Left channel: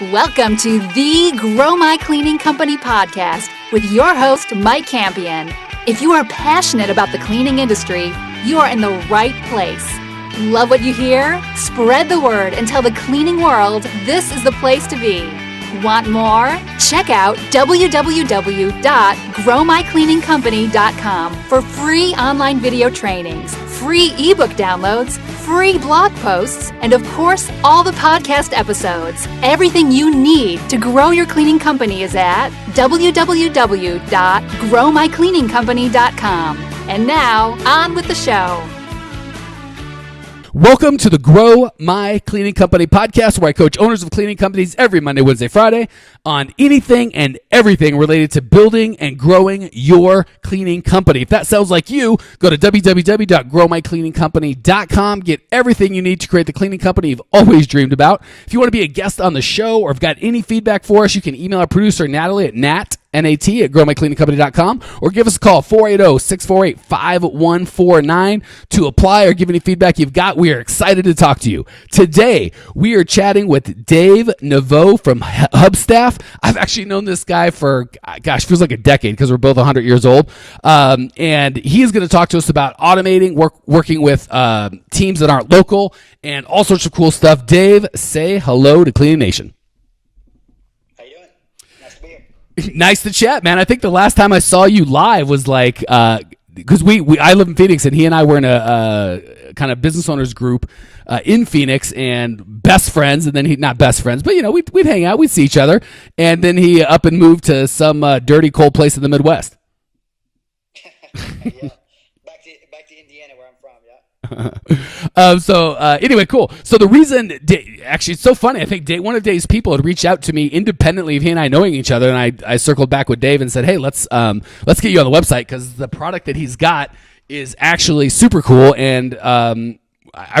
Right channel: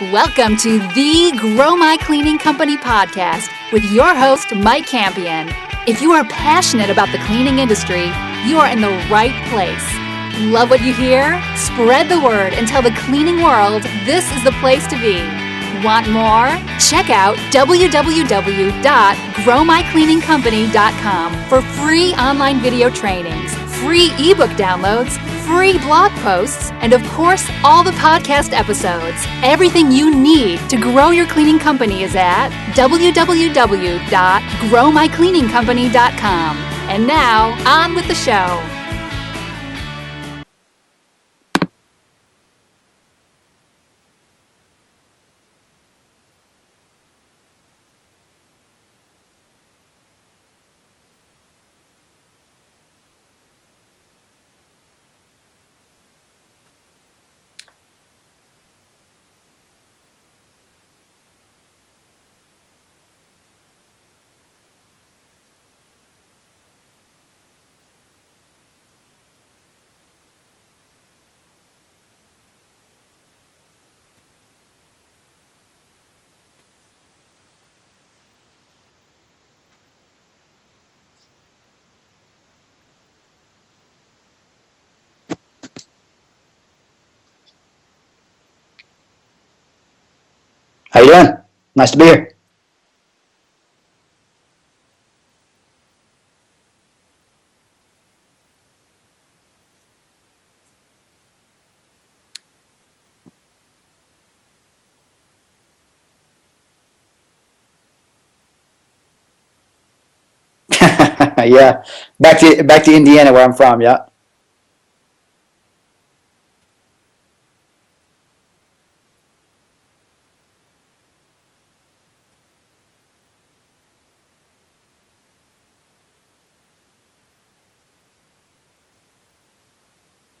Welcome to the Grow My Cleaning Company podcast with your host, Mike Campion. If you are passionate about the cleaning industry, you are in the right place. Love what you hear? Spread the word and tell the cleaning world this is the place to be. Want more? Check out www.growmycleaningcompany.com for free online video trainings, free ebook downloads, free blog posts, and of course, all the podcast episodes. Everything you need to grow your cleaning company is at www.growmycleaningcompany.com. And now, on with the show. Welcome to the Grow My Cleaning Company podcast, where I coach owners of cleaning companies every Monday, Wednesday, Friday on anything and everything related to building and growing your cleaning company. If that sounds like you, go to www.growmycleaningcompany.com. Get everything you need to create the cleaning company you've always dreamed about. If you want to be a guest on the show or have got any feedback for us, you can email our producer, Natalie, at nat@growmycleaningcompany.com, or give us a call, 480-648-5149, to apply or give any feedback you've got. We are excited to talk to you. Today, we are chatting with Dave Nevogt from Hubstaff. I've actually known this guy for, feels like a decade because we're both 100 years old. And he's going to talk to us about automating, working with teams that aren't local, and all sorts of cool stuff. Dave, say hello to Cleaning Nation. How you doing? Nice to be here. Nice to chat, man. I think the last time I saw you live was like, because I live in Phoenix, and he and I were in a kind of business owners group in Phoenix, and best friends. And then not best friends, but we'd hang out, we'd see each other, and then he up and moved to some dirty, cold place in the Midwest. Yeah, back to Indiana, where I'm from. Yeah. Anyway, cool. So the reason, actually, it's so funny. I think one of Dave's people had reached out to me independently of he and I knowing each other, and I circled back with Dave and said, "Hey, let's get you on the website because the product that he's got is actually super cool, and I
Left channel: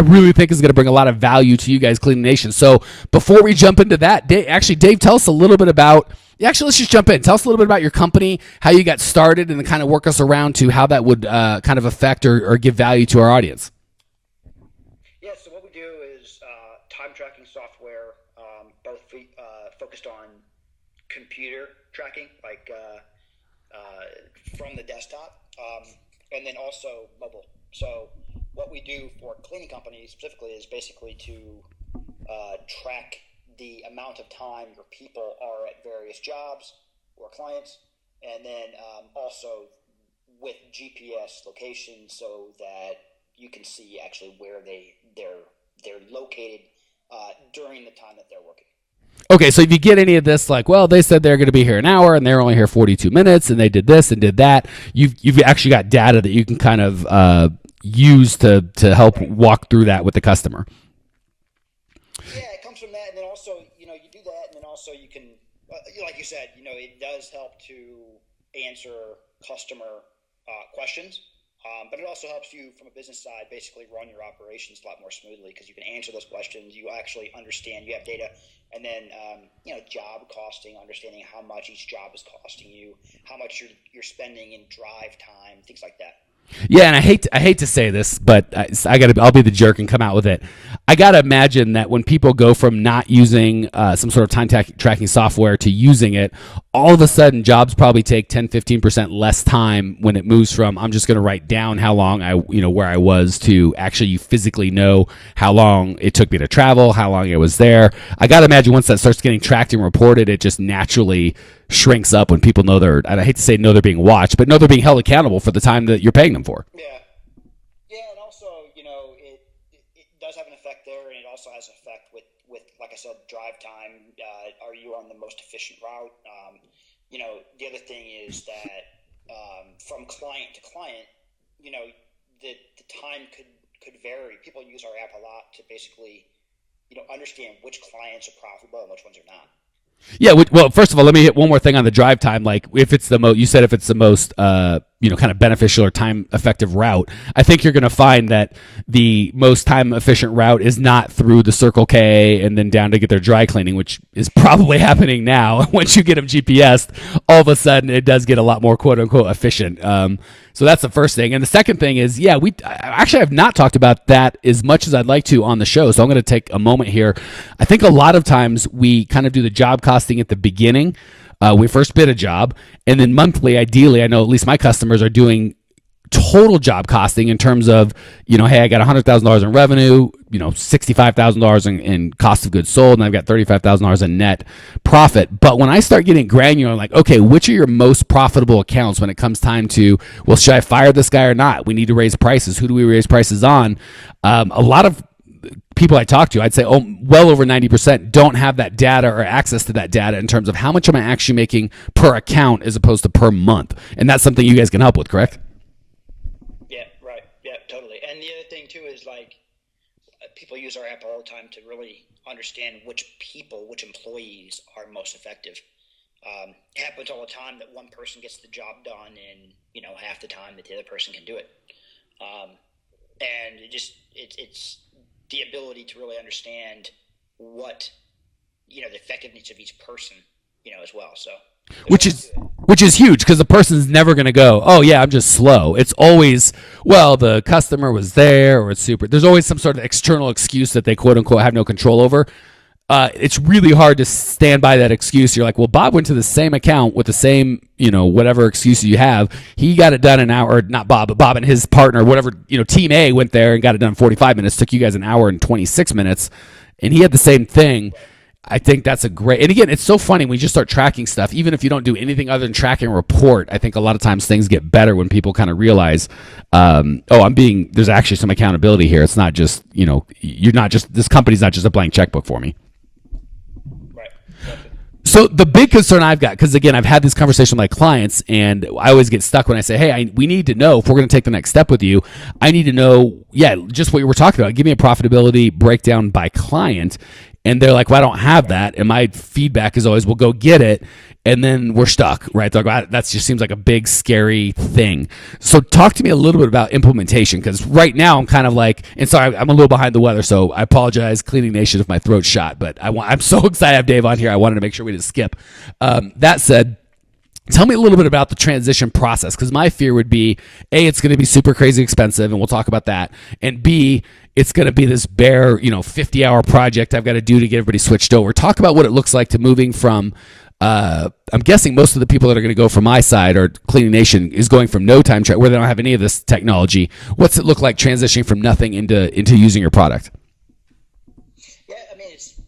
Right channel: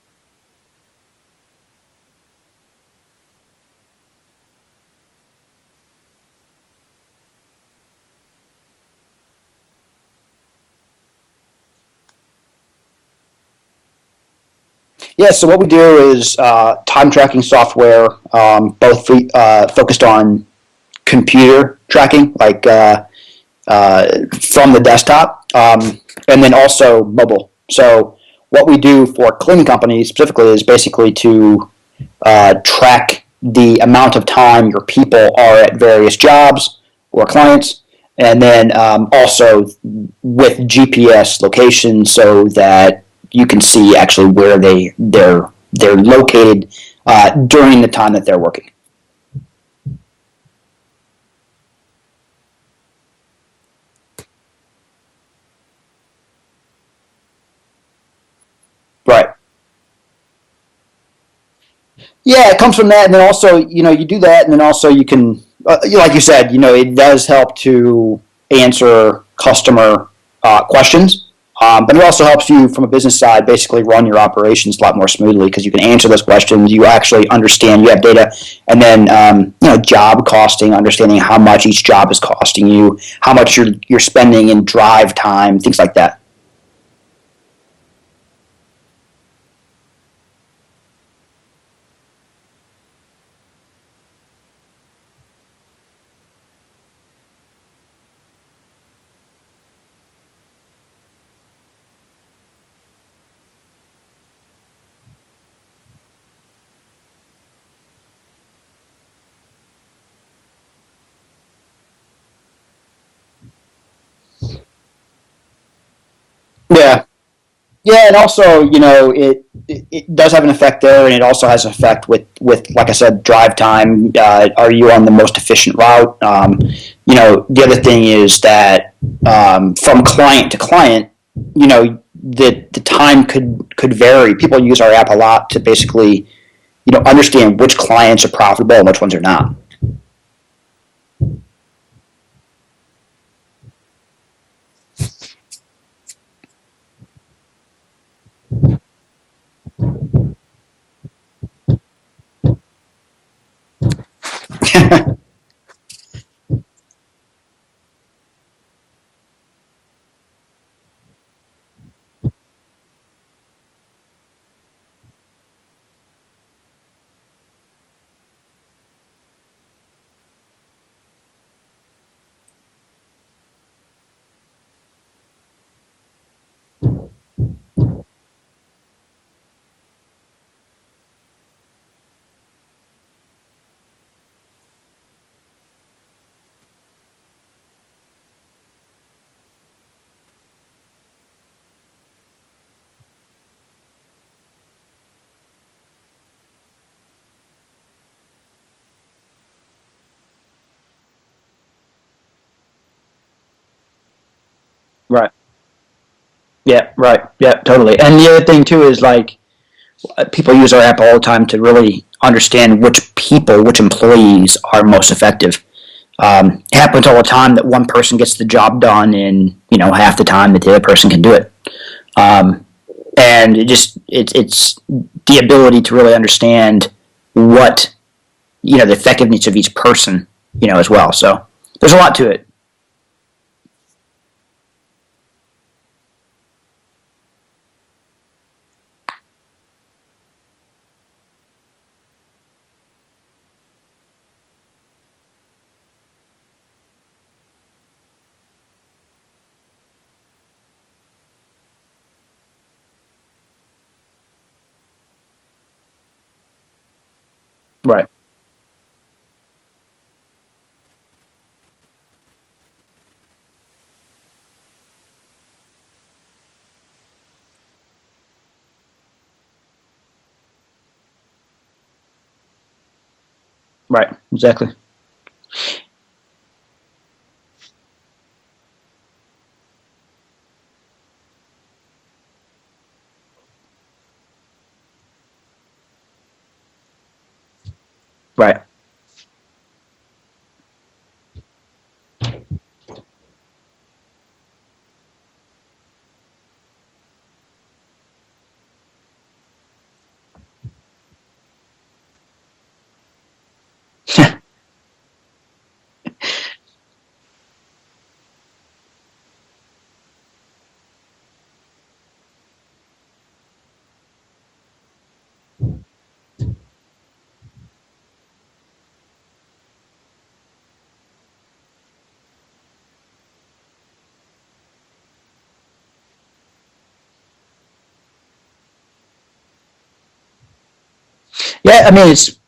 really think is going to bring a lot of value to you guys, Cleaning Nation." So before we jump into that, Dave, tell us a little bit about. Actually, let's just jump in. Tell us a little bit about your company, how you got started, and then kind of work us around to how that would kind of affect or give value to our audience. Yeah, so what we do is time tracking software, both focused on computer tracking, like from the desktop, and then also mobile. So what we do for cleaning companies specifically is basically to track the amount of time your people are at various jobs or clients, and then also with GPS location so that you can see actually where they're located during the time that they're working. Okay, so if you get any of this, like, well, they said they're going to be here an hour and they're only here 42 minutes, and they did this and did that, you've actually got data that you can kind of use to help walk through that with the customer. Yeah, it comes from that, and then also, you do that, and then also you can, like you said, it does help to answer customer questions. But it also helps you from a business side basically run your operations a lot more smoothly because you can answer those questions. You actually understand, you have data, and then job costing, understanding how much each job is costing you, how much you're spending in drive time, things like that. Yeah, and I hate to say this, but I'll be the jerk and come out with it. I got to imagine that when people go from not using some sort of time tracking software to using it, all of a sudden jobs probably take 10-15% less time when it moves from I'm just going to write down how long where I was to actually you physically know how long it took me to travel, how long I was there. I got to imagine once that starts getting tracked and reported, it just naturally shrinks up when people know they're being watched, but know they're being held accountable for the time that you're paying them for. Yeah. Yeah, and also, it does have an effect there, and it also has an effect with like I said, drive time. Are you on the most efficient route? The other thing is that from client to client, the time could vary. People use our app a lot to basically, understand which clients are profitable and which ones are not. Yeah, well, first of all, let me hit one more thing on the drive time. Like, if it's the most, you said if it's the most, kind of beneficial or time-effective route, I think you're going to find that the most time-efficient route is not through the Circle K and then down to get their dry cleaning, which is probably happening now. Once you get them GPS'd, all of a sudden it does get a lot more quote-unquote efficient. So that's the first thing. And the second thing is, I actually have not talked about that as much as I'd like to on the show. So I'm going to take a moment here. I think a lot of times we kind of do the job costing at the beginning. We first bid a job, and then monthly, ideally, I know at least my customers are doing total job costing in terms of, hey, I got $100,000 in revenue, $65,000 in cost of goods sold, and I've got $35,000 in net profit. But when I start getting granular, I'm like, okay, which are your most profitable accounts when it comes time to, well, should I fire this guy or not? We need to raise prices. Who do we raise prices on? A lot of people I talk to, I'd say, well over 90% don't have that data or access to that data in terms of how much am I actually making per account as opposed to per month. And that's something you guys can help with, correct? Right. Yeah, right. Yeah, totally. And the other thing too is like people use our app all the time to really understand which employees are most effective. It happens all the time that one person gets the job done in half the time that the other person can do it. And it's the ability to really understand what the effectiveness of each person as well. So there's a lot to it. Which is huge because the person's never going to go, oh, yeah, I'm just slow. It's always, well, the customer was there or it's super. There's always some sort of external excuse that they, quote unquote, have no control over. It's really hard to stand by that excuse. You're like, well, Bob went to the same account with the same, whatever excuse you have. He got it done in an hour, or not Bob, but Bob and his partner, whatever, team A went there and got it done in 45 minutes. Took you guys an hour and 26 minutes. And he had the same thing. Right. I think that's a great, and again, it's so funny when you just start tracking stuff, even if you don't do anything other than track and report. I think a lot of times things get better when people kind of realize, there's actually some accountability here. It's not just, this company's not just a blank checkbook for me. Right. Exactly. So the big concern I've got, because again, I've had this conversation with my clients, and I always get stuck when I say, hey, we need to know if we're going to take the next step with you. I need to know, just what you were talking about. Give me a profitability breakdown by client. And they're like, well, I don't have that. And my feedback is always, well, go get it. And then we're stuck, right? They're like, that just seems like a big, scary thing. So talk to me a little bit about implementation, because right now I'm kind of like, and sorry, I'm a little behind the weather, so I apologize, Cleaning Nation, if my throat's shot. But I'm so excited to have Dave on here. I wanted to make sure we didn't skip. That said, tell me a little bit about the transition process, because my fear would be, A, it's going to be super crazy expensive, and we'll talk about that. And B, it's going to be this bare, 50-hour project I've got to do to get everybody switched over. Talk about what it looks like to moving from, I'm guessing most of the people that are going to go from my side or Cleaning Nation is going from no time track where they don't have any of this technology. What's it look like transitioning from nothing into using your product? Yeah, I mean, it's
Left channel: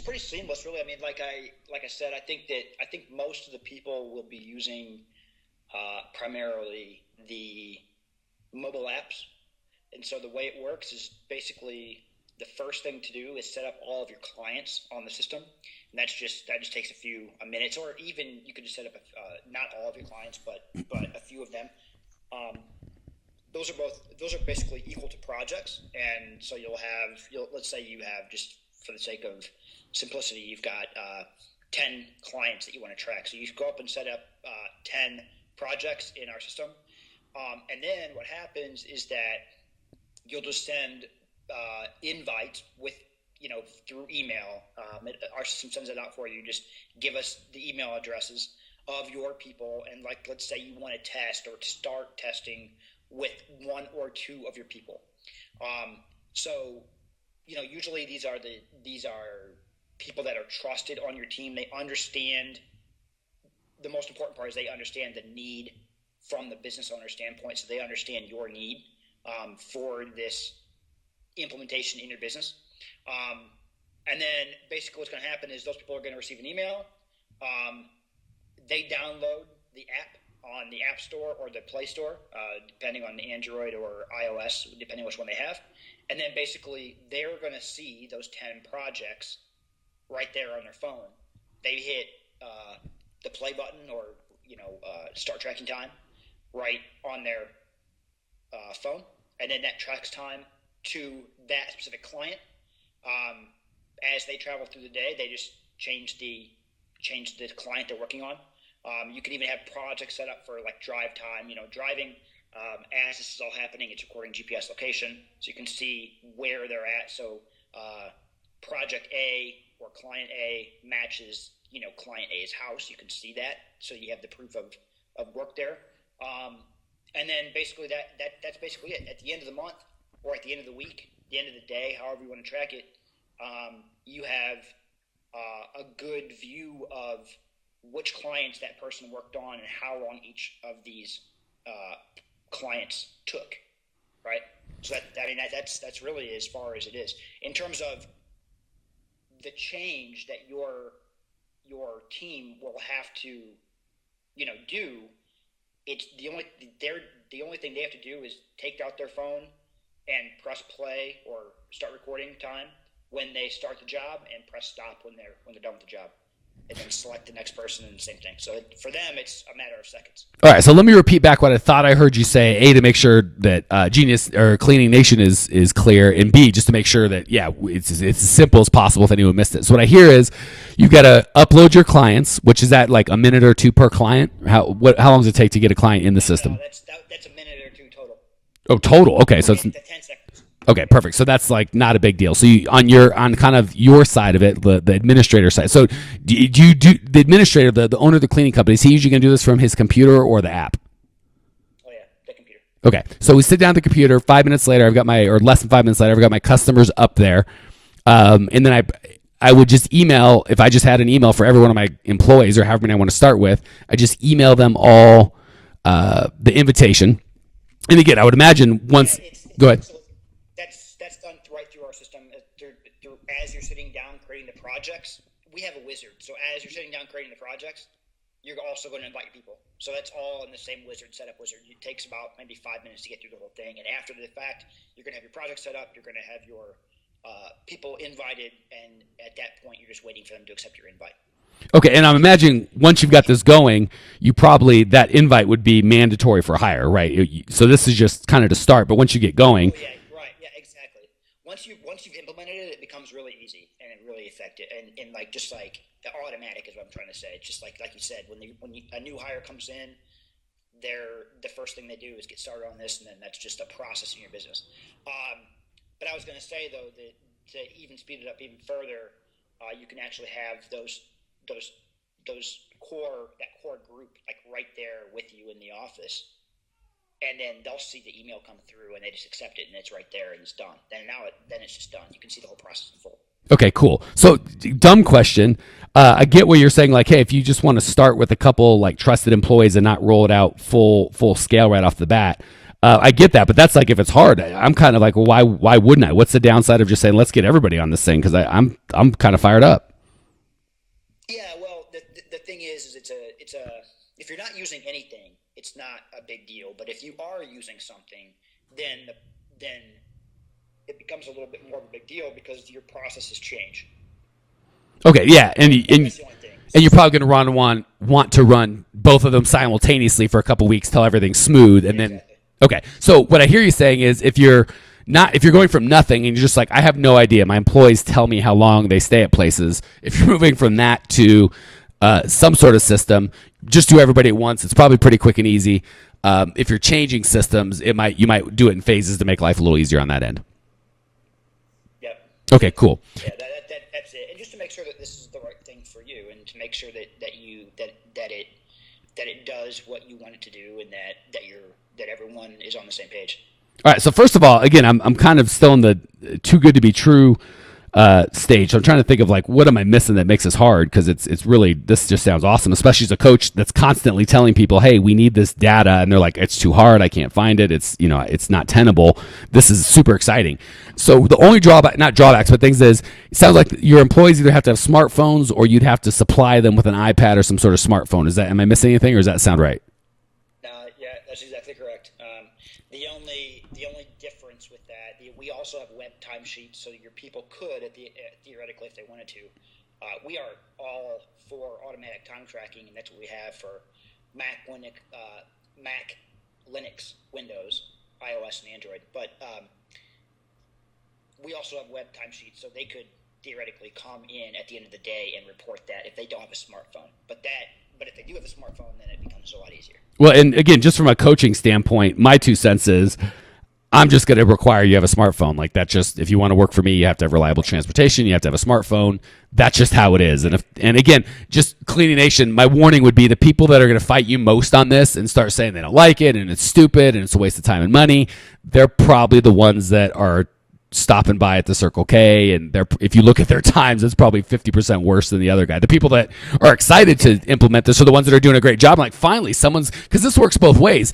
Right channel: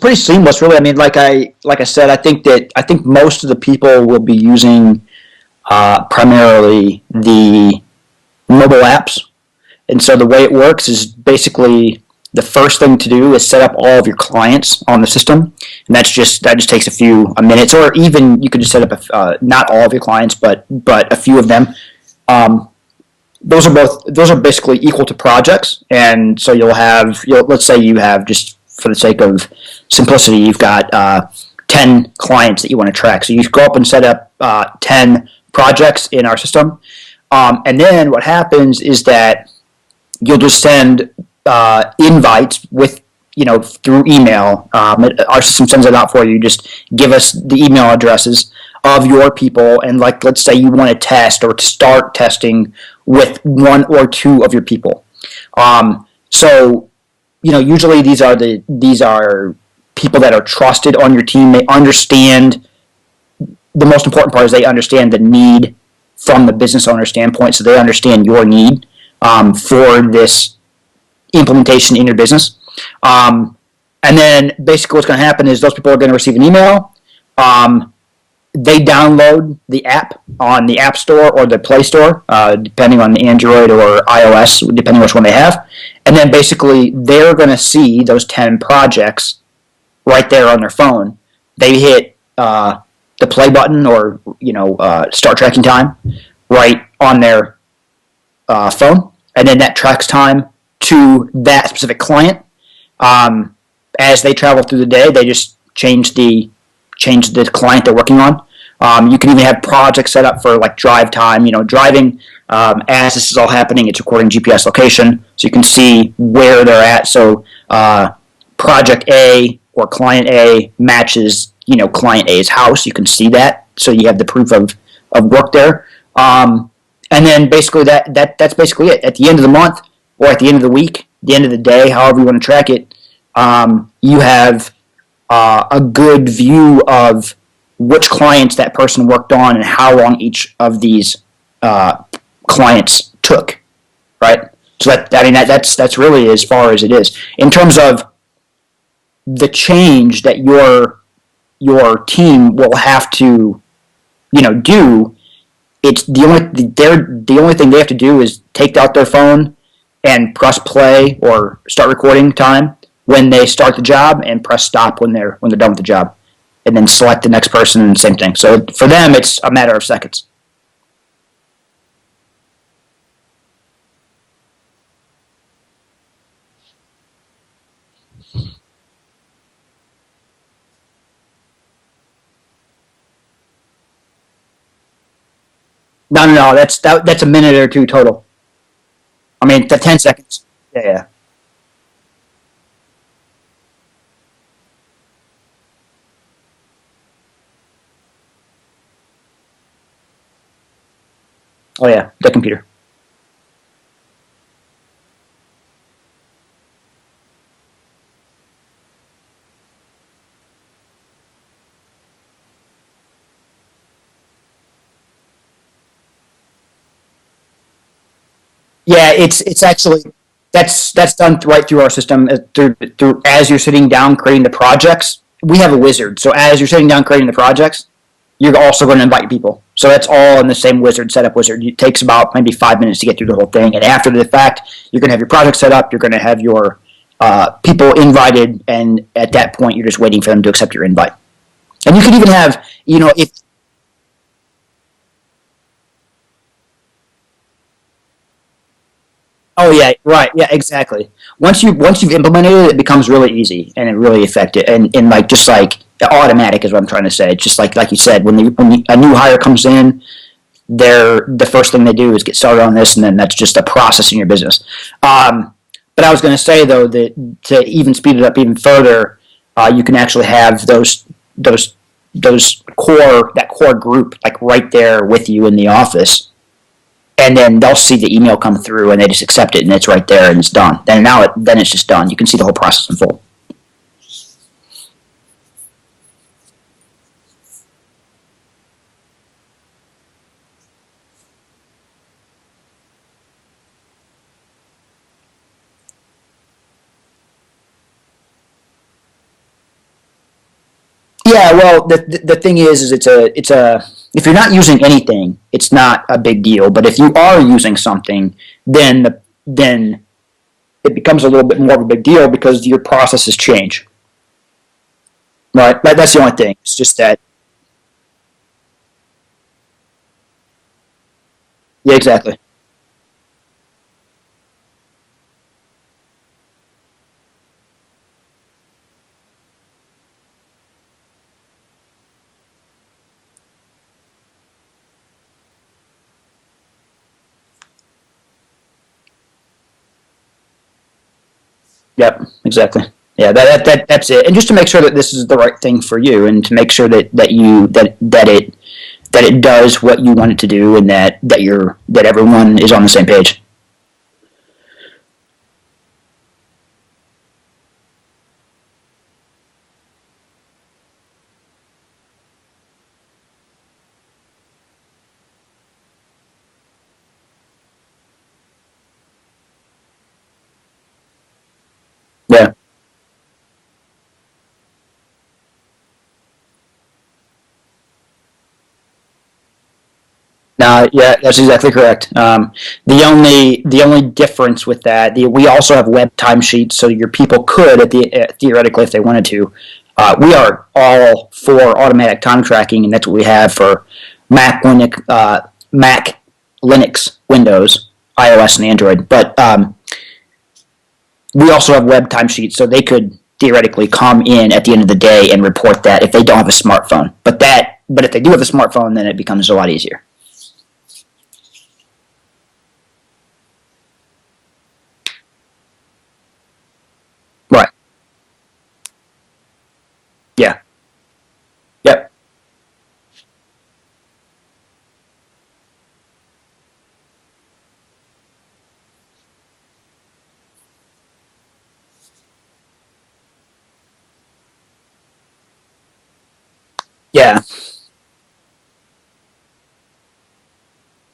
pretty seamless, really. I mean, like I said, I think most of the people will be using primarily the mobile apps. And so the way it works is basically the first thing to do is set up all of your clients on the system, and that just takes a few minutes, or even you could just set up not all of your clients, but a few of them. Those are basically equal to projects, and so let's say you have, just for the sake of simplicity, you've got 10 clients that you want to track. So you go up and set up 10 projects in our system, and then what happens is that you'll just send invites with, through email. Our system sends it out for you. Just give us the email addresses of your people, and let's say you want to test or to start testing with one or two of your people. So, usually these are people that are trusted on your team. They understand. The most important part is they understand the need from the business owner standpoint, so they understand your need for this implementation in your business. And then basically what's going to happen is those people are going to receive an email. They download the app on the App Store or the Play Store, depending on the Android or iOS, depending on which one they have. And then basically they're going to see those 10 projects right there on their phone. They hit the play button or, start tracking time right on their phone. And then that tracks time to that specific client. As they travel through the day, they just change the client they're working on. You can even have projects set up for drive time. Driving as this is all happening, it's recording GPS location, so you can see where they're at. So project A or client A matches client A's house. You can see that, so you have the proof of work there. And then basically that's basically it. At the end of the month or at the end of the week, the end of the day, however you want to track it, you have a good view of which clients that person worked on and how long each of these clients took, right? So that's really as far as it is in terms of the change that your team will have to, do. It's the only thing they have to do is take out their phone and press play or start recording time when they start the job, and press stop when they're done with the job, and then select the next person and same thing. So for them, it's a matter of seconds. All right, so let me repeat back what I thought I heard you say. A, to make sure that Genius or Cleaning Nation is clear, and B, just to make sure that it's as simple as possible if anyone missed it. So what I hear is you've got to upload your clients, which is that like a minute or two per client. How long does it take to get a client in? No, that's a minute or two total. Oh, total. Okay. I mean, 10 seconds. Okay, perfect. So that's like not a big deal. So on kind of your side of it, the administrator side. So do you do the administrator, the owner of the cleaning company? Is he usually going to do this from his computer or the app? Oh yeah, the computer. Okay, so we sit down at the computer. 5 minutes later, or less than 5 minutes later, I've got my customers up there, and then I would just email, if I just had an email for every one of my employees or however many I want to start with, I just email them all the invitation. And again, I would imagine. Yeah, it's actually. That's done right through our system. Through as you're sitting down creating the projects, we have a wizard. So as you're sitting down creating the projects, you're also going to invite people. So that's all in the same wizard, setup wizard. It takes about maybe 5 minutes to get through the whole thing. And after the fact, you're going to have your project set up. You're going to have your people invited, and at that point, you're just waiting for them to accept your invite. Okay, and you can even have, once you got this going, you probably, that invite would be mandatory for hire, right? So this is just kind of to start, but once you get going. Oh yeah, right, yeah, exactly. Once you've implemented it, it becomes really easy and it really effective and like just like automatic is what I'm trying to say. It's just like you said, when a new hire comes in, the first thing they do is get started on this, and then that's just a process in your business. But I was going to say though that to even speed it up even further, you can actually have that core group like right there with you in the office, and then they'll see the email come through and they just accept it and it's right there and it's done. Then it's just done. You can see the whole process in full. Okay, cool. So dumb question. I get what you're saying. Like, hey, if you just want to start with a couple like trusted employees and not roll it out full scale right off the bat, I get that. But that's like if it's hard. I'm kind of like, well, why wouldn't I? What's the downside of just saying let's get everybody on this thing? Because I'm kind of fired up. Yeah, well, the thing is it's a if you're not using anything, it's not a big deal. But if you are using something, then it becomes a little bit more of a big deal because your processes change. Okay, yeah, right. That's the only thing. And you're probably going to want to run both of them simultaneously for a couple weeks till everything's smooth. Yeah, exactly. Okay, so what I hear you saying is if you're going from nothing and you're just like, I have no idea, my employees tell me how long they stay at places. If you're moving from that to some sort of system, just do everybody at once. It's probably pretty quick and easy. If you're changing systems, you might do it in phases to make life a little easier on that end. Yep, exactly. Okay, cool. Yeah, that's it. And just to make sure that this is the right thing for you, and to make sure that it does what you want it to do, and that everyone is on the same page. All right. So first of all, again, I'm kind of still in the too good to be true stage. So I'm trying to think of like, what am I missing that makes this hard? Because it's really, this just sounds awesome, especially as a coach that's constantly telling people, hey, we need this data, and they're like, it's too hard, I can't find it, it's not tenable. This is super exciting. So the only not drawbacks, but things is, it sounds like your employees either have to have smartphones or you'd have to supply them with an iPad or some sort of smartphone. Am I missing anything, or does that sound right? No, yeah, that's exactly correct. The only difference with that, we also have web timesheets, so your people could, theoretically, if they wanted to. We are all for automatic time tracking, and that's what we have for Mac, Linux, Windows, iOS, and Android. But we also have web timesheets, so they could theoretically come in at the end of the day and report that if they don't have a smartphone. But if they do have a smartphone, then it becomes a lot easier. Well, and again, just from a coaching standpoint, my 2 cents is I'm just going to require you have a smartphone. Like, that's just, if you want to work for me, you have to have reliable transportation, you have to have a smartphone. That's just how it is. Yeah. And again, just Cleaning Nation, my warning would be the people that are going to fight you most on this and start saying they don't like it and it's stupid and it's a waste of time and money, they're probably the ones that are stopping by at the Circle K, and if you look at their times, it's probably 50% worse than the other guy. The people that are excited to implement this are the ones that are doing a great job. Like, finally, because this works both ways.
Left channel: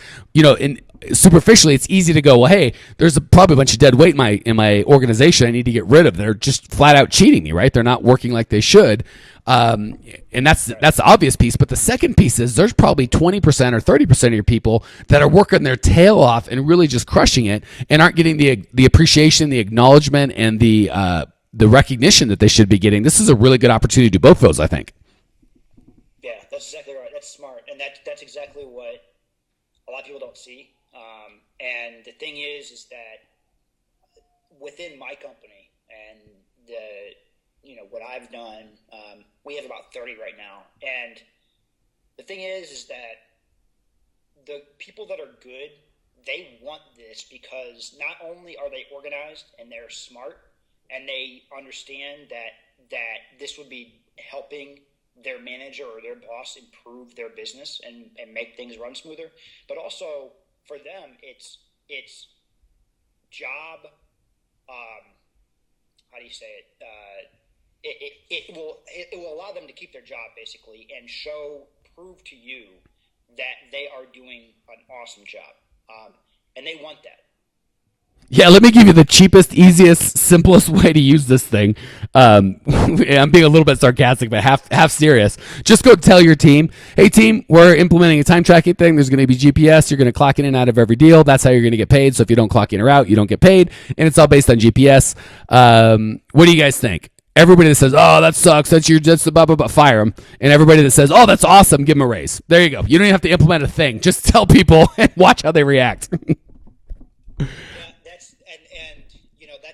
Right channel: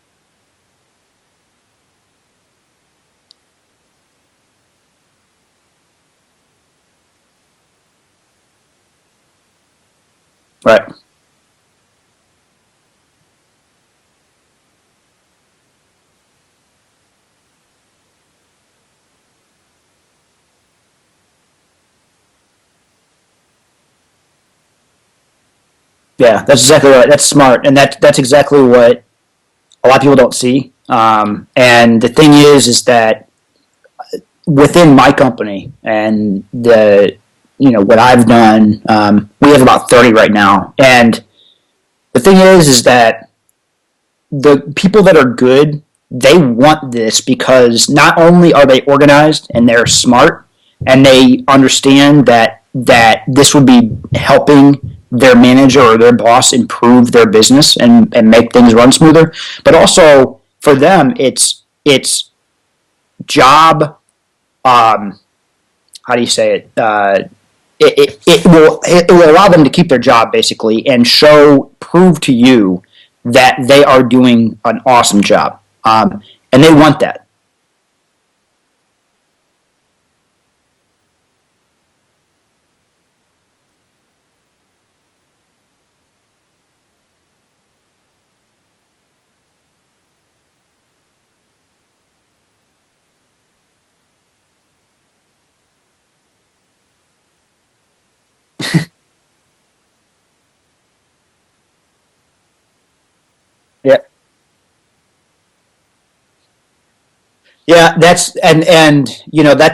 Superficially, it's easy to go, well, hey, there's probably a bunch of dead weight in my organization I need to get rid of. They're just flat out cheating me, right? They're not working like they should. And that's the obvious piece. But the second piece is there's probably 20% or 30% of your people that are working their tail off and really just crushing it and aren't getting the appreciation, the acknowledgement, and the recognition that they should be getting. This is a really good opportunity to do both those, I think. Yeah, that's exactly right. That's smart. And that's exactly what a lot of people don't see. And the thing is that within my company and what I've done, we have about 30 right now. And the thing is that the people that are good, they want this because not only are they organized and they're smart and they understand that this would be helping their manager or their boss improve their business and make things run smoother, but also for them, it's job. How do you say it? It will allow them to keep their job basically and prove to you that they are doing an awesome job, and they want that. Yeah, let me give you the cheapest, easiest, simplest way to use this thing. I'm being a little bit sarcastic, but half serious. Just go tell your team, hey team, we're implementing a time tracking thing. There's going to be GPS. You're going to clock in and out of every deal. That's how you're going to get paid. So if you don't clock in or out, you don't get paid. And it's all based on GPS. What do you guys think? Everybody that says, oh, that sucks, that's the blah, blah, blah, fire them. And everybody that says, oh, that's awesome, give them a raise. There you go. You don't even have to implement a thing. Yeah. Just tell people and watch how they react. Yeah, that's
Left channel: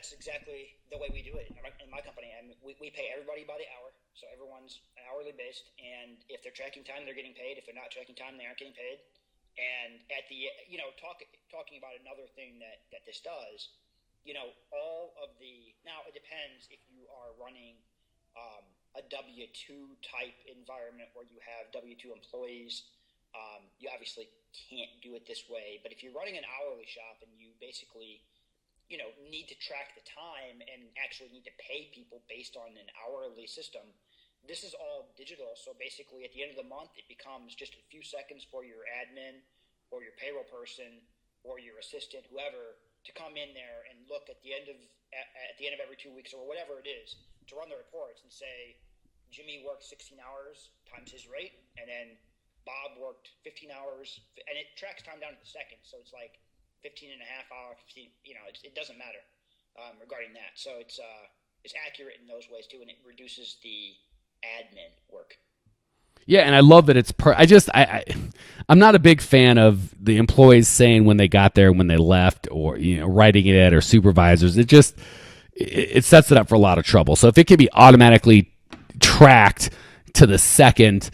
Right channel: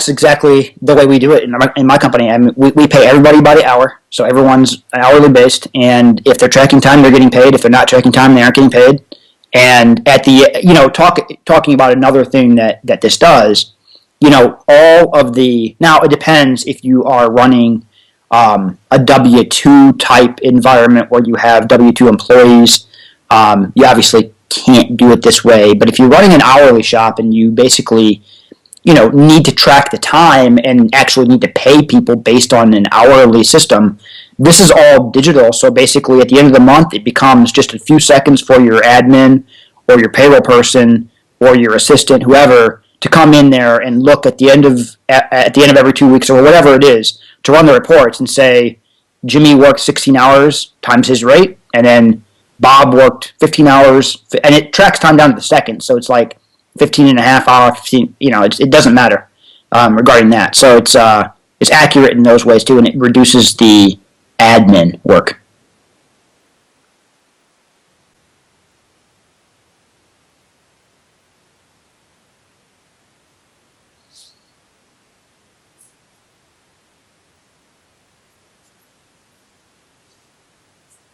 exactly the way we do it in my company. I mean, we pay everybody by the hour, so everyone's hourly based. And if they're tracking time, they're getting paid. If they're not tracking time, they aren't getting paid. And at the talking about another thing that this does, all of the now it depends if you are running a W-2 type environment where you have W-2 employees. You obviously can't do it this way, but if you're running an hourly shop and you basically need to track the time and actually need to pay people based on an hourly system, this is all digital. So basically at the end of the month it becomes just a few seconds for your admin or your payroll person or your assistant, whoever, to come in there and look at the end of every 2 weeks or whatever it is to run the reports and say Jimmy worked 16 hours times his rate, and then Bob worked 15 hours, and it tracks time down to the second, so it's like 15 and a half hours, 15, it doesn't matter regarding that. So it's accurate in those ways too, and it reduces the admin work. Yeah, and I love that it's I'm not a big fan of the employees saying when they got there, when they left, or writing it, or supervisors. It sets it up for a lot of trouble. So if it can be automatically tracked to the second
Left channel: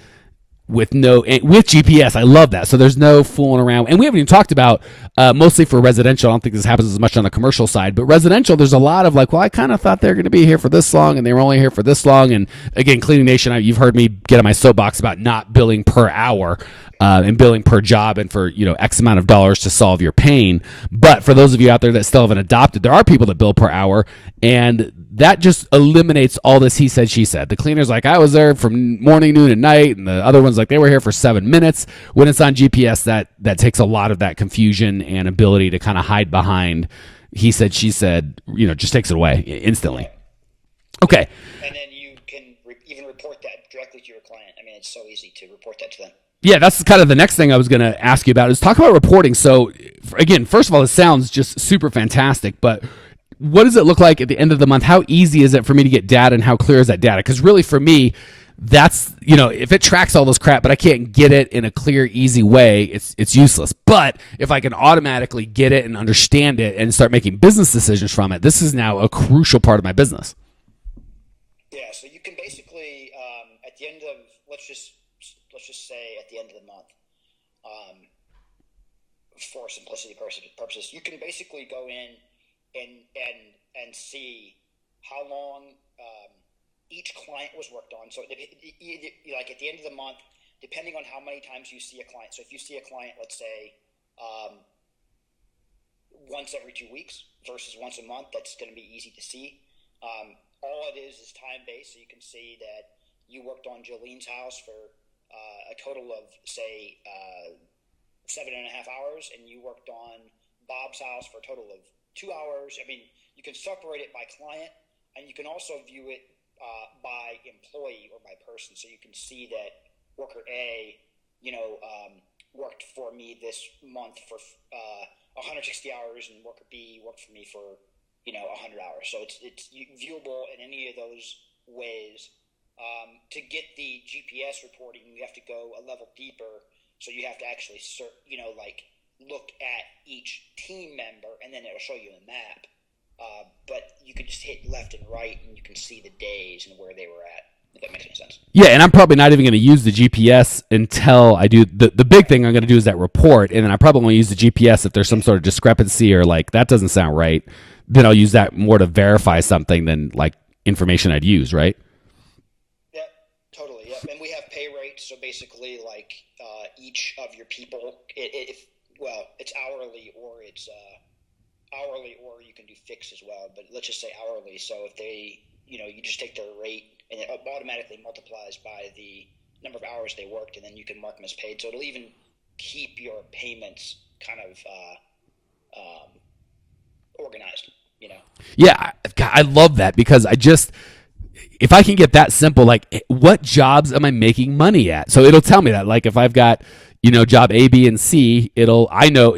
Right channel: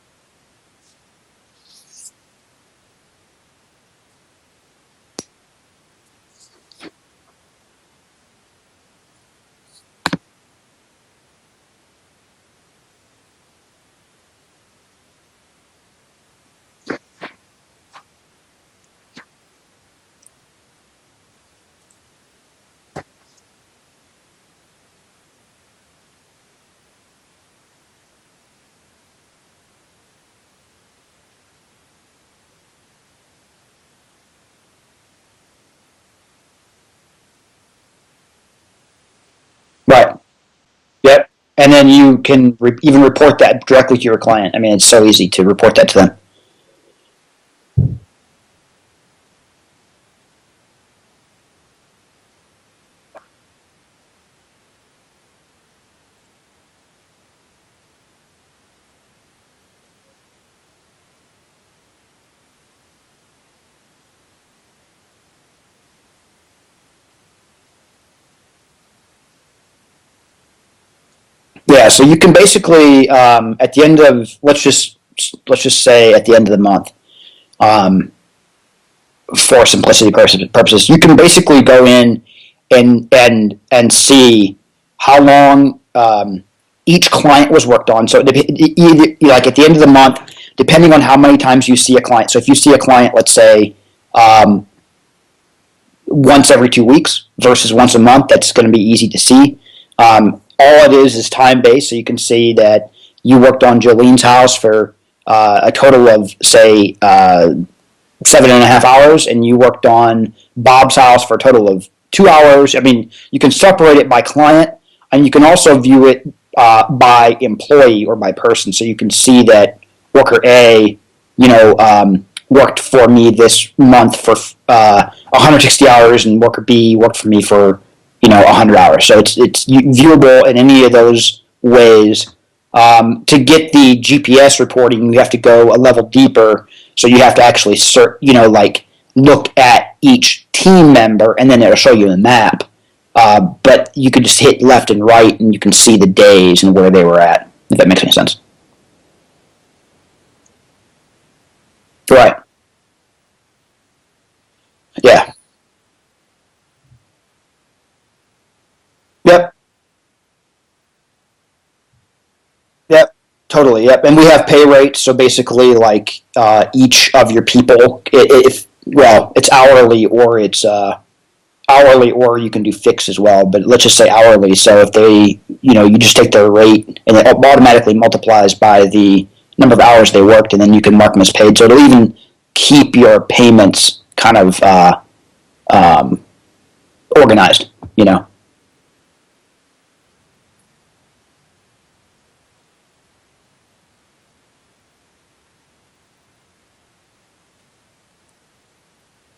with GPS, I love that. So there's no fooling around. And we haven't even talked about mostly for residential. I don't think this happens as much on the commercial side, but residential, there's a lot of I kind of thought they were going to be here for this long, and they were only here for this long. And again, Cleaning Nation, you've heard me get on my soapbox about not billing per hour and billing per job and for X amount of dollars to solve your pain. But for those of you out there that still haven't adopted, there are people that bill per hour, and that just eliminates all this he said, she said. The cleaner's like, I was there from morning, noon, and night, and the other one's like, they were here for 7 minutes. When it's on GPS, that takes a lot of that confusion and ability to kind of hide behind he said, she said, just takes it away instantly. Right. Okay. Yeah. And then you can even report that directly to your client. I mean, it's so easy to report that to them. Yeah, that's kind of the next thing I was going to ask you about is talk about reporting. So, again, first of all, it sounds just super fantastic, but what does it look like at the end of the month? How easy is it for me to get data, and how clear is that data? Because really for me, that's, if it tracks all this crap, but I can't get it in a clear, easy way, it's useless. But if I can automatically get it and understand it and start making business decisions from it, this is now a crucial part of my business. Yeah, so you can basically, at the end of, let's just say at the end of the month, for simplicity purposes, you can basically go in and see how long each client was worked on. So either, like at the end of the month, depending on how many times you see a client. So if you see a client, let's say, once every 2 weeks versus once a month, that's going to be easy to see. All it is time-based, so you can see that you worked on Jolene's house for a total of, say, 7.5 hours, and you worked on Bob's house for a total of 2 hours. I mean, you can separate it by client, and you can also view it by employee or by person. So you can see that worker A, worked for me this month for 160 hours, and worker B worked for me for 100 hours. So it's viewable in any of those ways. To get the GPS reporting, you have to go a level deeper. So you have to actually look at each team member, and then it'll show you a map. But you could just hit left and right, and you can see the days and where they were at, if that makes any sense. Yeah, and I'm probably not even going to use the GPS until I do the big thing I'm going to do is that report, and then I probably won't use the GPS if there's some sort of discrepancy or like that doesn't sound right. Then I'll use that more to verify something than like information I'd use, right? Yep, totally. Yep, and we have pay rates. So basically, like each of your people, it's hourly or it's hourly, or you can do fixed as well. But let's just say hourly. So if they, you just take their rate and it automatically multiplies by the number of hours they worked, and then you can mark them as paid. So it'll even keep your payments kind of organized. Yeah, I love that because if I can get that simple, like what jobs am I making money at? So it'll tell me that, like if I've got, job A, B, and C, I don't know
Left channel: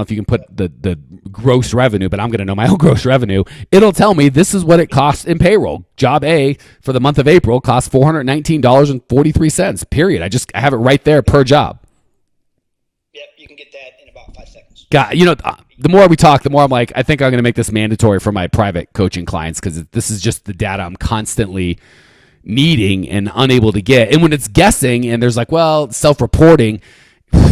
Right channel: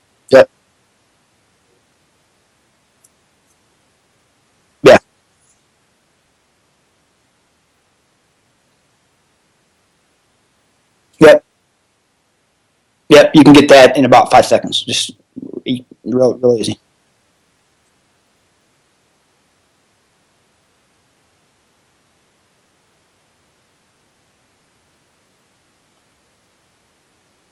if you can put the gross revenue, but I'm going to know my own gross revenue. It'll tell me this is what it costs in payroll. Job A for the month of April costs $419.43, period. I have it right there per job. Yep, you can get that in about 5 seconds. The more we talk, the more I'm like, I think I'm going to make this mandatory for my private coaching clients because this is just the data I'm constantly needing and unable to get. And when it's guessing and there's like, self-reporting,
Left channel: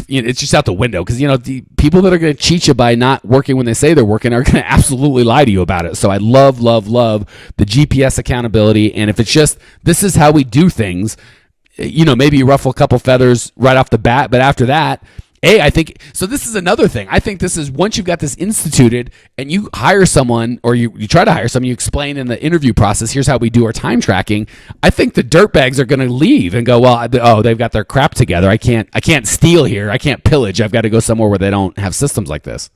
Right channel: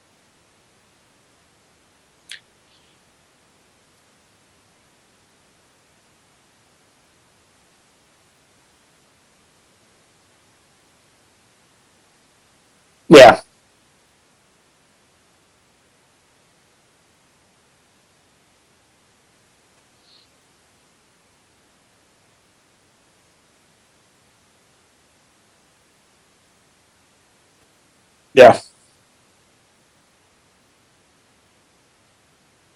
it's just out the window because, the people that are going to cheat you by not working when they say they're working are going to absolutely lie to you about it. So I love, love, love the GPS accountability. And if it's just, this is how we do things, maybe you ruffle a couple feathers right off the bat, but after that, I think, so this is another thing. I think this is, once you've got this instituted and you hire someone or you try to hire someone, you explain in the interview process, here's how we do our time tracking. I think the dirtbags are going to leave and go, they've got their crap together. Yeah. I can't steal here. I can't pillage. I've got to go somewhere where they don't have systems like this.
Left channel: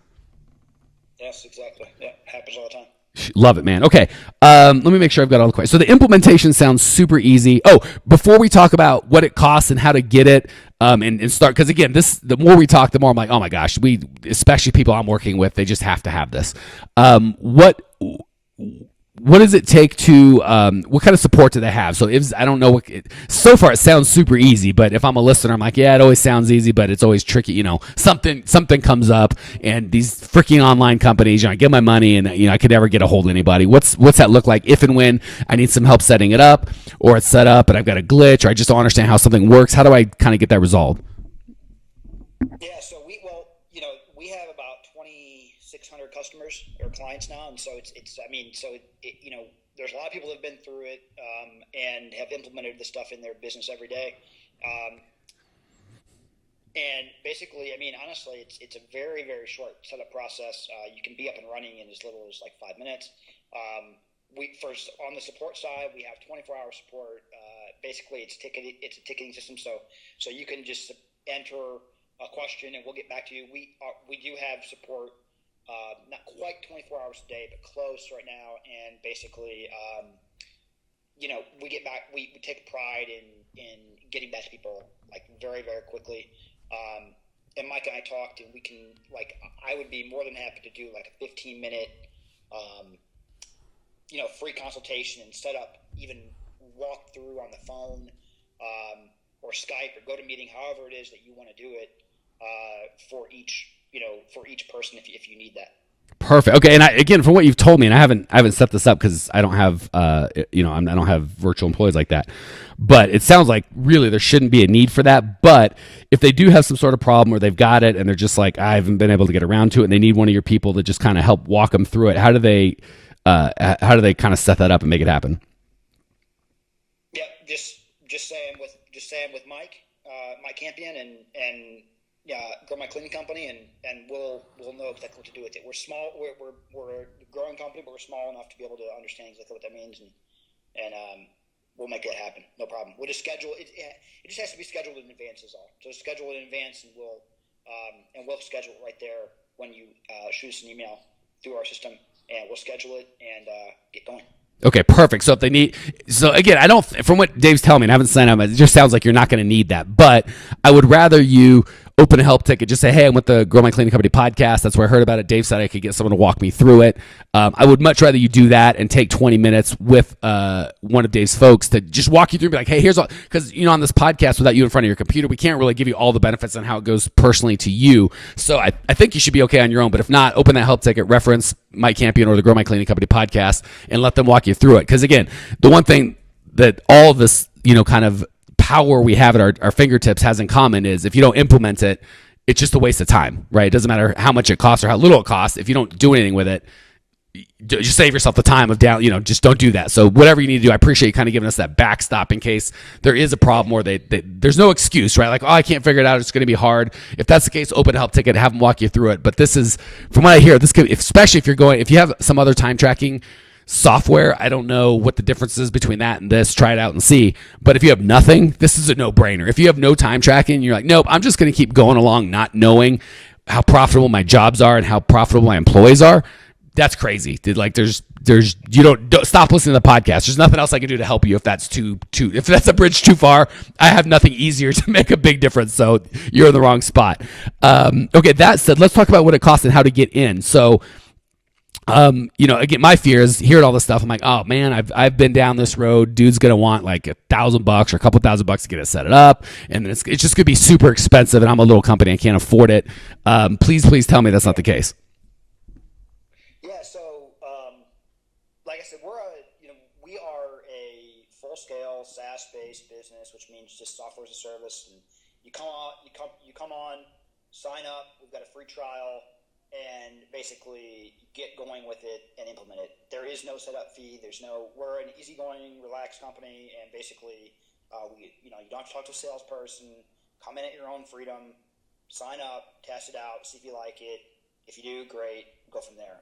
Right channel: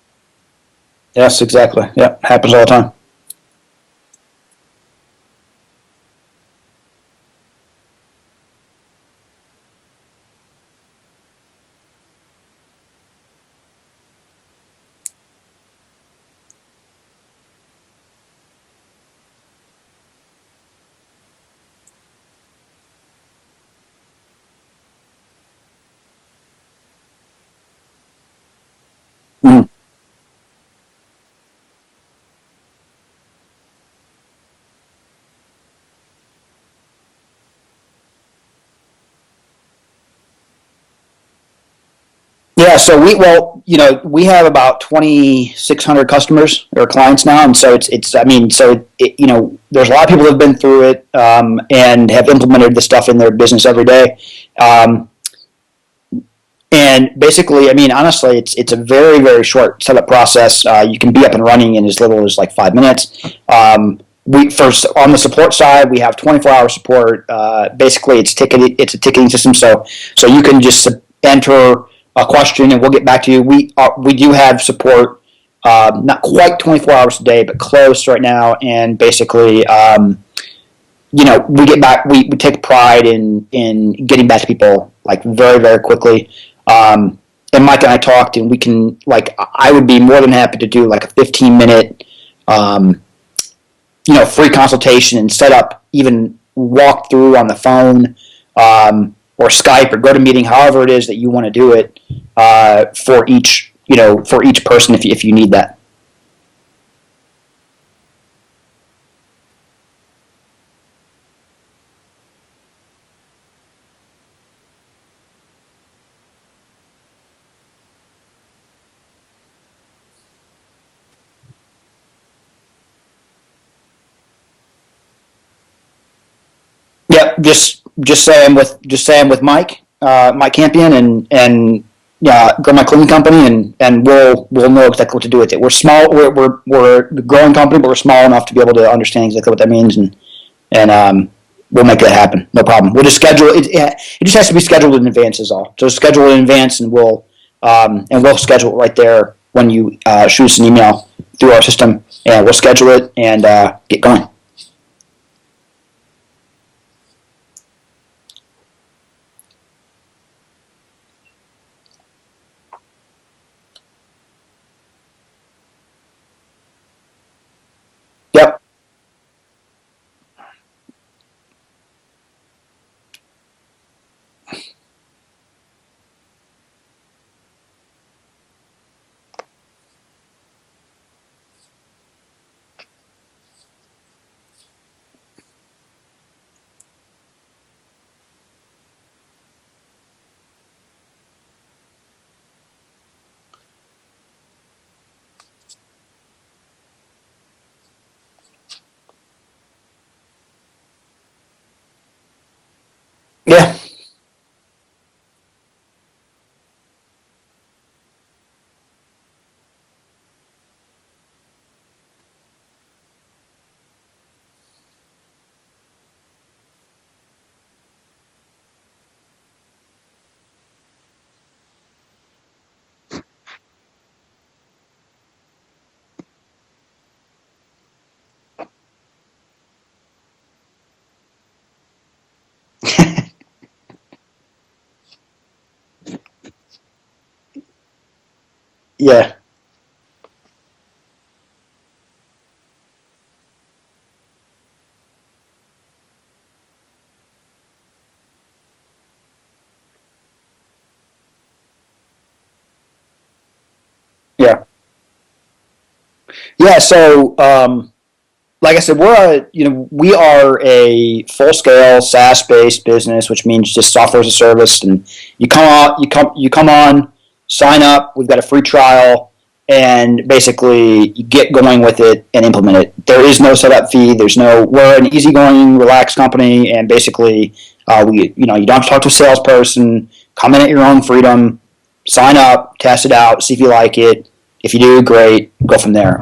Yes, exactly. Yeah, happens all the time. Love it, man. Okay, let me make sure I've got all the questions. So the implementation sounds super easy. Oh, before we talk about what it costs and how to get it, and start, because again, the more we talk, the more I'm like, oh my gosh, especially people I'm working with, they just have to have this. What does it take to, what kind of support do they have? So I don't know so far it sounds super easy, but if I'm a listener, I'm like, yeah, it always sounds easy, but it's always tricky. Something comes up and these freaking online companies, I get my money and, I could never get a hold of anybody. What's that look like if and when I need some help setting it up, or it's set up and I've got a glitch, or I just don't understand how something works? How do I kind of get that resolved? Yeah, so we have about 2,600 customers or clients now, and so there's a lot of people that have been through it and have implemented the stuff in their business every day. And basically, honestly, it's a very, very short setup process. You can be up and running in as little as like 5 minutes. First, on the support side, we have 24-hour support. Basically, it's a ticketing system, so you can just enter a question and we'll get back to you. We do have support, not quite 24 hours a day, but close right now. And basically, we get back. We take pride in getting back to people like very, very quickly. And Mike and I talked, and we can I would be more than happy to do like a 15-minute, free consultation and set up, even walk through on the phone. Or Skype or GoToMeeting, however it is that you want to do it for each person if you need that. Perfect. Okay, and again, for what you've told me, and I haven't set this up because I don't have I don't have virtual employees like that. But it sounds like really there shouldn't be a need for that. But if they do have some sort of problem or they've got it and they're just like, I haven't been able to get around to it, and they need one of your people to just kind of help walk them through it, how do they kind of set that up and make it happen? Yep, just say I'm with Mike Campion, and grow my cleaning company, and we'll know exactly what to do with it. We're small, we're a growing company, but we're small enough to be able to understand exactly what that means, and we'll make that happen. No problem. We'll just schedule it. It just has to be scheduled in advance, is all. So schedule it in advance, and we'll schedule it right there when you shoot us an email through our system, and we'll schedule it and get going. Okay, perfect. So if they need, so again, I don't, from what Dave's telling me, and I haven't signed up, it just sounds like you're not going to need that. But I would rather you open a help ticket, just say, hey, I'm with the Grow My Cleaning Company podcast. That's where I heard about it. Dave said I could get someone to walk me through it. I would much rather you do that and take 20 minutes with one of Dave's folks to just walk you through, be like, hey, here's all, because, on this podcast without you in front of your computer, we can't really give you all the benefits on how it goes personally to you. So I think you should be okay on your own. But if not, open that help ticket, reference Mike Campion or the Grow My Cleaning Company podcast, and let them walk you through it. Because again, the one thing that all of this, kind of power we have at our fingertips has in common is if you don't implement it, it's just a waste of time, right? It doesn't matter how much it costs or how little it costs. If you don't do anything with it, just save yourself the time of just don't do that. So whatever you need to do, I appreciate you kind of giving us that backstop in case there is a problem where there's no excuse, right? Like, I can't figure it out. It's going to be hard. If that's the case, open a help ticket, have them walk you through it. But this is, from what I hear, this could, especially if you have some other time tracking software, I don't know what the difference is between that and this. Try it out and see. But if you have nothing, this is a no-brainer. If you have no time tracking, you're like, nope, I'm just going to keep going along not knowing how profitable my jobs are and how profitable my employees are. That's crazy. Like, there's don't stop listening to the podcast. There's nothing else I can do to help you if that's if that's a bridge too far. I have nothing easier to make a big difference. So you're in the wrong spot. Okay, that said, let's talk about what it costs and how to get in. So again, my fear is hearing all this stuff. I'm like, oh man, I've been down this road. Dude's gonna want like $1,000 or a couple $1,000 to get it set it up, and it's just gonna be super expensive. And I'm a little company, I can't afford it. Please tell me that's not the case. Yeah. So, like I said, we are a full scale SaaS based business, which means just software as a service. And you come on, sign up. We've got a free trial. And basically, you get going with it and implement it. There is no setup fee. We're an easygoing, relaxed company, and basically, you don't have to talk to a salesperson. Come in at your own freedom. Sign up, test it out, see if you like it. If you do, great. Go from there.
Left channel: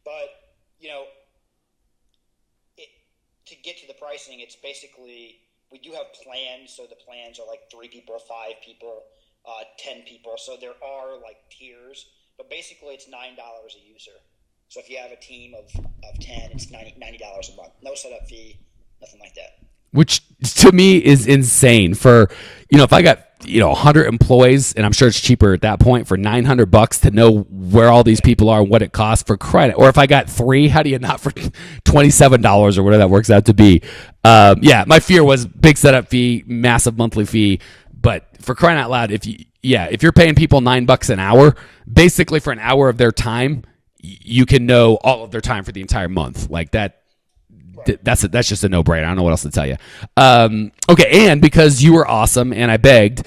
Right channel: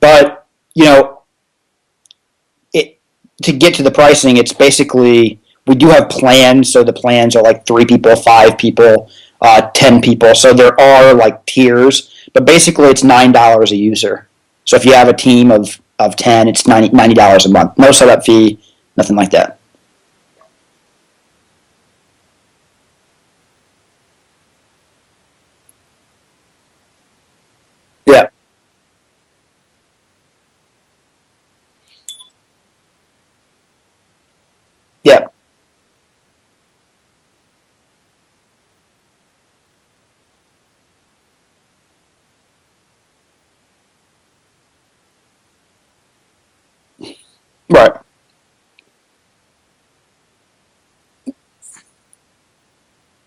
But to get to the pricing, it's basically we do have plans. So the plans are like 3 people, 5 people, 10 people. So there are like tiers. But basically, it's $9 a user. So if you have a team of 10, it's $90 a month. No setup fee, nothing like that. Which to me is insane. For if I got 100 employees, and I'm sure it's cheaper at that point for $900 to know where all these people are and what it costs for credit. Or if I got 3, how do you not for $27 or whatever that works out to be? My fear was big setup fee, massive monthly fee. But for crying out loud, if you're paying people $9 an hour, basically for an hour of their time, you can know all of their time for the entire month. Like that. Right. That's just a no-brainer. I don't know what else to tell you. Okay, and because you were awesome and I begged,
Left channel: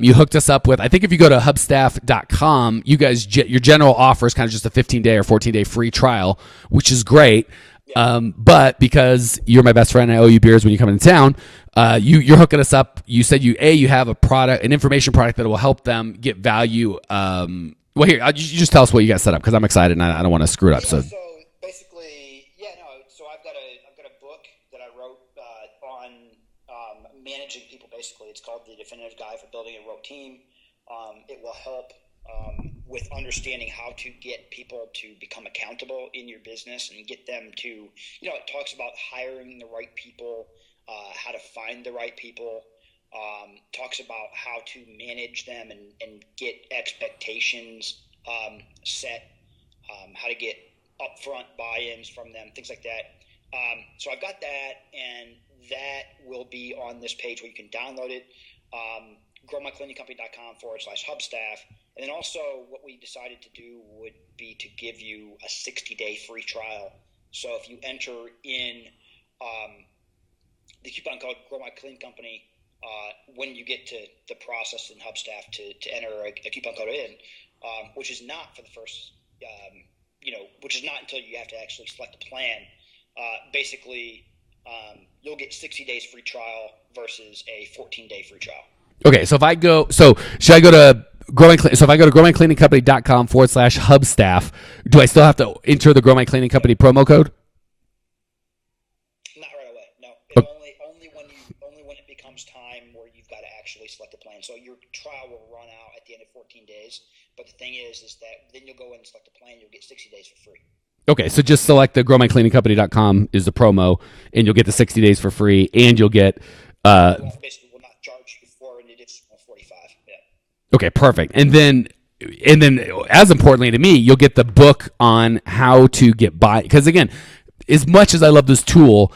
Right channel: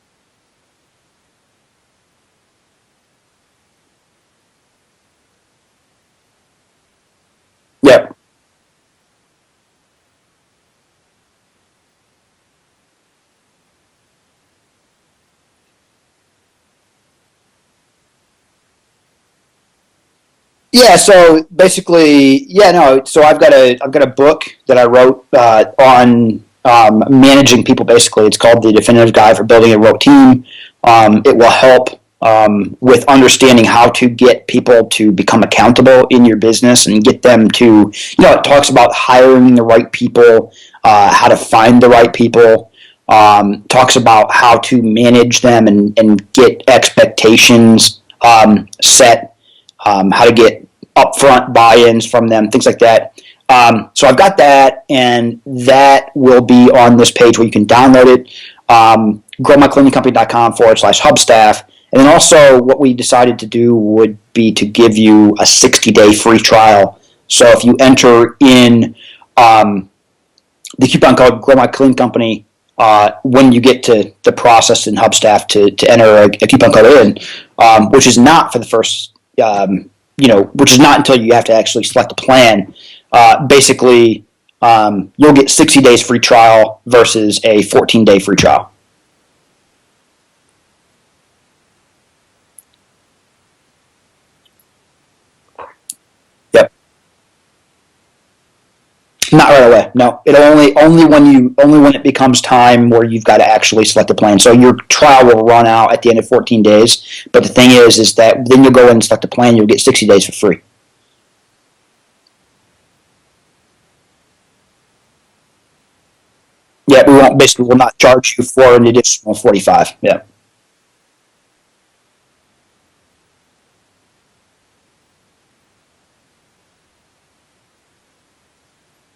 you hooked us up with, I think if you go to hubstaff.com, you guys, your general offer is kind of just a 15-day or 14-day free trial, which is great. Yeah. But because you're my best friend and I owe you beers when you come into town, you're hooking us up. You said you have an information product that will help them get value. Well, here, you just tell us what you got set up because I'm excited and I don't want to screw it up. Yeah, so basically, so I've got a book that I wrote on managing people. Basically, it's called The Definitive Guide for Building a Remote Team. It will help with understanding how to get people to become accountable in your business and get them to, it talks about hiring the right people, how to find the right people. Talks about how to manage them and get expectations set, how to get upfront buy-ins from them, things like that. So I've got that, and that will be on this page where you can download it, growmycleaningcompany.com/Hubstaff. And then also what we decided to do would be to give you a 60-day free trial. So if you enter in the coupon code Grow My Cleaning Company, when you get to the process in Hubstaff to enter a coupon code in, which is not for the first, which is not until you have to actually select a plan. Basically, you'll get 60 days free trial versus a 14-day free trial. Okay, so if I go, so should I go to so if I go to growmycleaningcompany.com/Hubstaff, do I still have to enter the Grow My Cleaning Company promo code? Not right away. No, it only when it becomes time where you've got to actually select a plan. So your trial will run out at the end of 14 days. But the thing is that then you'll go in and select a plan. You'll get 60 days for free. Okay, so just select the growmycleaningcompany.com is the promo, and you'll get the 60 days for free, and you'll get. We'll not charge you for an additional 45. Yeah. Okay, perfect. And then as importantly to me, you'll get the book on how to get by. Because again, as much as I love this tool,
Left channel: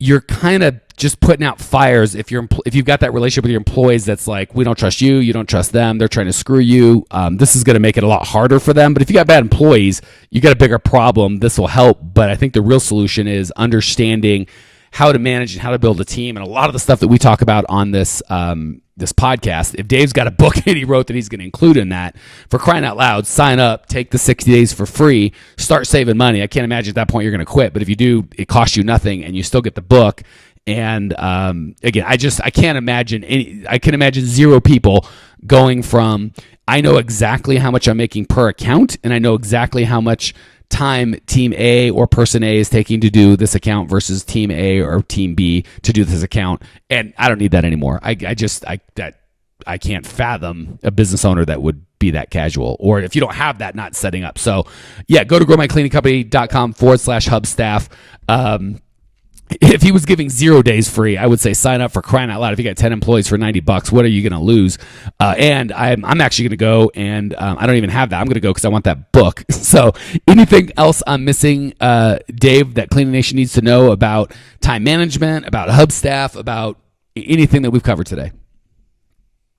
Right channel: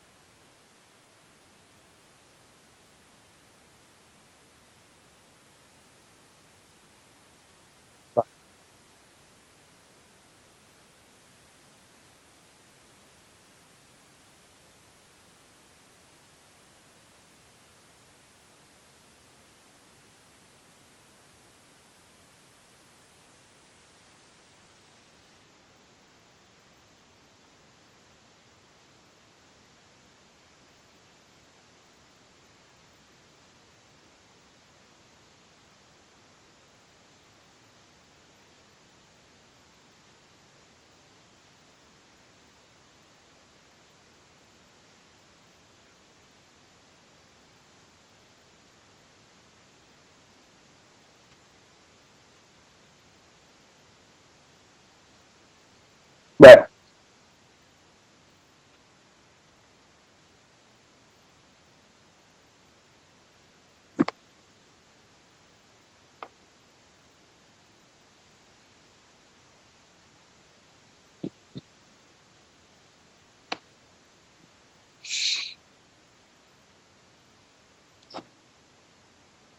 you're kind of just putting out fires if you've got that relationship with your employees that's like, we don't trust you, you don't trust them, they're trying to screw you. This is going to make it a lot harder for them. But if you got bad employees, you got a bigger problem. This will help. But I think the real solution is understanding how to manage and how to build a team. And a lot of the stuff that we talk about on this this podcast, if Dave's got a book that he wrote that he's going to include in that, for crying out loud, sign up, take the 60 days for free, start saving money. I can't imagine at that point you're going to quit. But if you do, it costs you nothing and you still get the book. And again, I can't imagine I can imagine zero people going from, I know exactly how much I'm making per account, and I know exactly how much time team A or person A is taking to do this account versus team A or team B to do this account. And I don't need that anymore. I can't fathom a business owner that would be that casual, or if you don't have that, not setting up. So yeah, go to growmycleaningcompany.com/Hubstaff. If he was giving 0 days free, I would say sign up, for crying out loud. If you got 10 employees for $90, what are you going to lose? And I'm actually going to go, and I don't even have that. I'm going to go because I want that book. So anything else I'm missing, Dave, that Cleaning Nation needs to know about time management, about Hubstaff, about anything that we've covered today?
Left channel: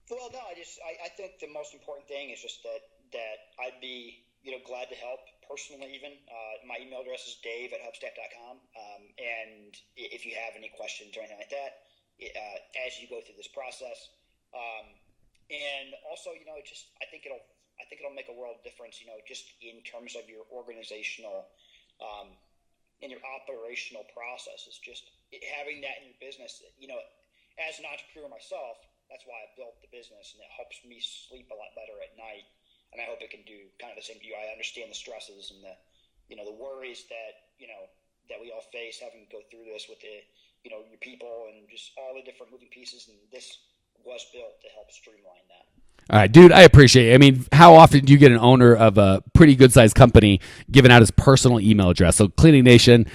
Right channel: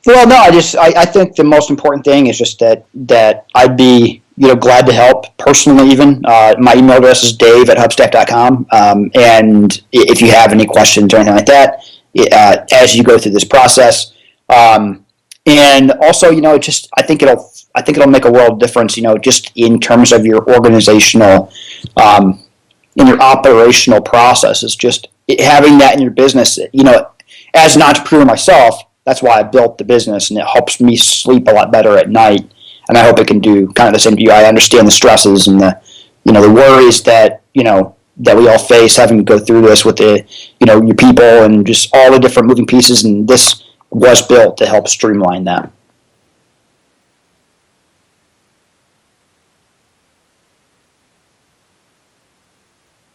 Well, no, I think the most important thing is just that I'd be glad to help personally. Even my email address is dave@hubstaff.com, and if you have any questions or anything like that, as you go through this process, and also I think it'll make a world of difference. Just in terms of your organizational, in your operational processes, just having that in your business. As an entrepreneur myself, that's why I built the business, and it helps me sleep a lot better at night. And I hope it can do kind of the same to you. I understand the stresses and the worries that we all face having to go through this with your people and just all the different moving pieces. And this was built to help streamline that. All right, dude, I appreciate it. I mean, how often do you get an owner of a pretty good-sized company giving out his personal email address? So Cleaning Nation,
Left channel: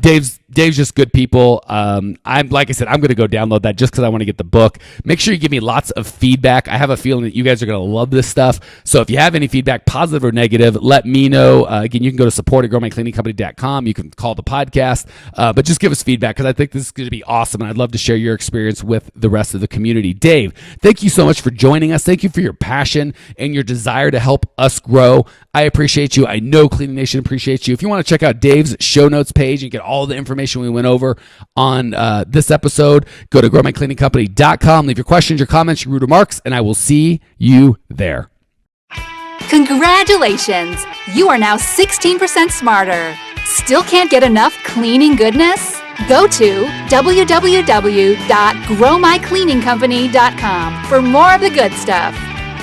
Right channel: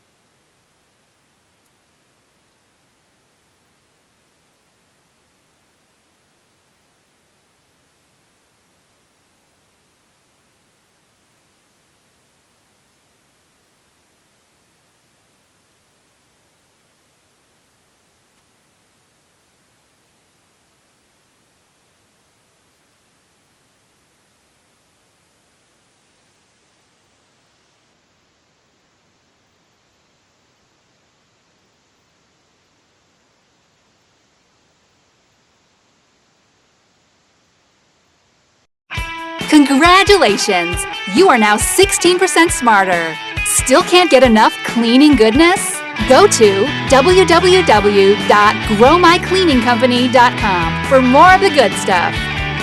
Dave's just good people. Like I said, I'm going to go download that just because I want to get the book. Make sure you give me lots of feedback. I have a feeling that you guys are going to love this stuff. So if you have any feedback, positive or negative, let me know. Again, you can go to support@growmycleaningcompany.com. You can call the podcast, but just give us feedback because I think this is going to be awesome, and I'd love to share your experience with the rest of the community. Dave, thank you so much for joining us. Thank you for your passion and your desire to help us grow. I appreciate you. I know Cleaning Nation appreciates you. If you want to check out Dave's show notes page and get all the information we went over on this episode, go to growmycleaningcompany.com. Leave your questions, your comments, your rude remarks, and I will see you there. Congratulations! You are now 16% smarter. Still can't get enough cleaning goodness? Go to www.growmycleaningcompany.com for more of the good stuff.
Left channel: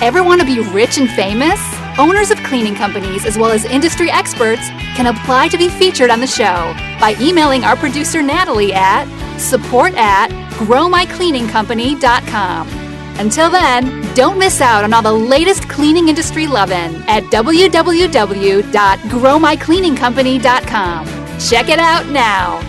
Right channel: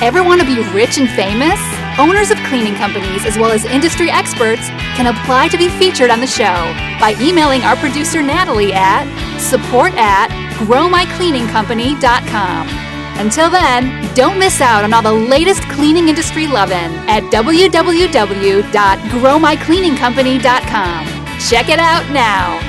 Ever want to be rich and famous? Owners of cleaning companies as well as industry experts can apply to be featured on the show by emailing our producer Natalie at support@growmycleaningcompany.com. Until then, don't miss out on all the latest cleaning industry lovin' at www.growmycleaningcompany.com. Check it out now.